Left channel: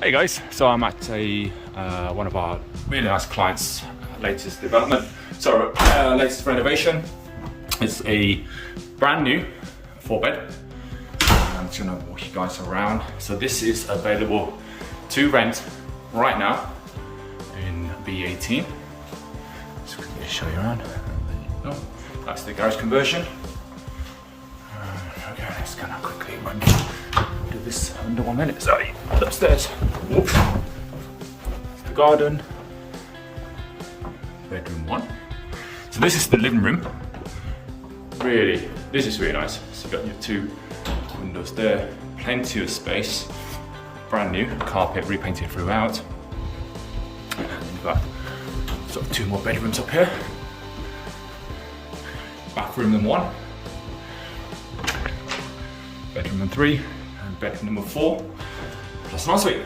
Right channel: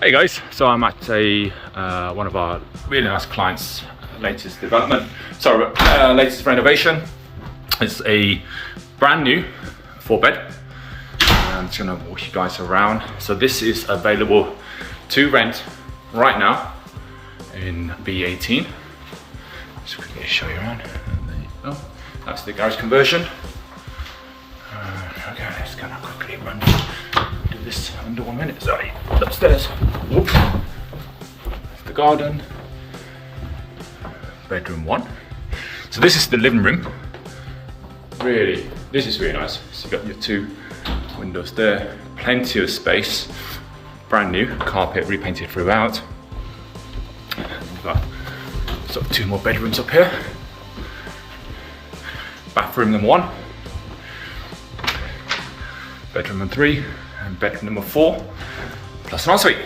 Hey guys, so I'm at one of our really nice clients' latest development, latest renovation. It's a brand new 4-bed. I'm just gonna walk you guys around. So this is available to rent right now in B18. Just quickly show you around. There you go. That's the garage conversion. Okay, I'm just gonna quickly run do this under 1 minute. Sorry, upstairs. Whoop. The garden. Bedroom 1. So this is the living room. Really, this is really nice. So you've got your 2 windows there, plenty of space, brand new, carpet repainted throughout. And you've got sort of 2 more bedrooms up here. Bathroom number 1, bedroom number 3, and bedroom number 4, plus an ensuite.